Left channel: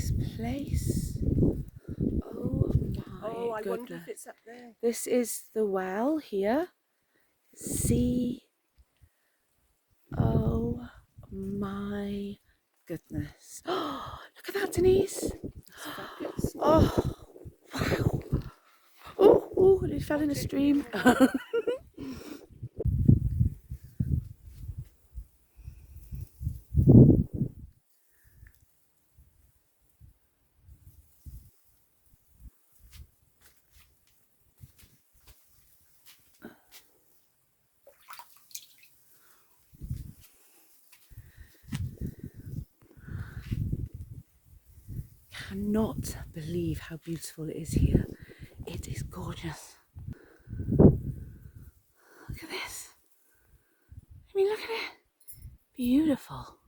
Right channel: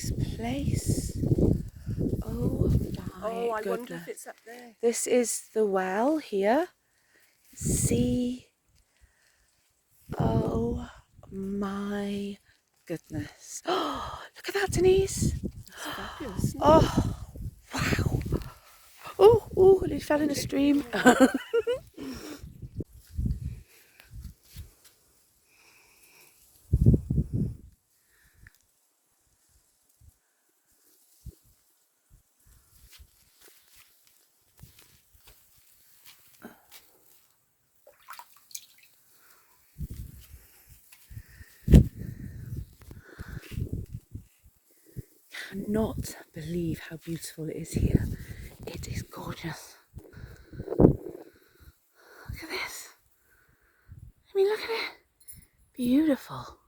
this place. Oh my I goodness. wonder if it's up there. This is the well here. See. Oh my goodness. Oh, look at that, Denise. Fabulous. Oh, wow. Oh, it fell in a stream. Cannot believe how beautiful it is here. It is gorgeous. Look at this. I mean, look at it. Beautiful.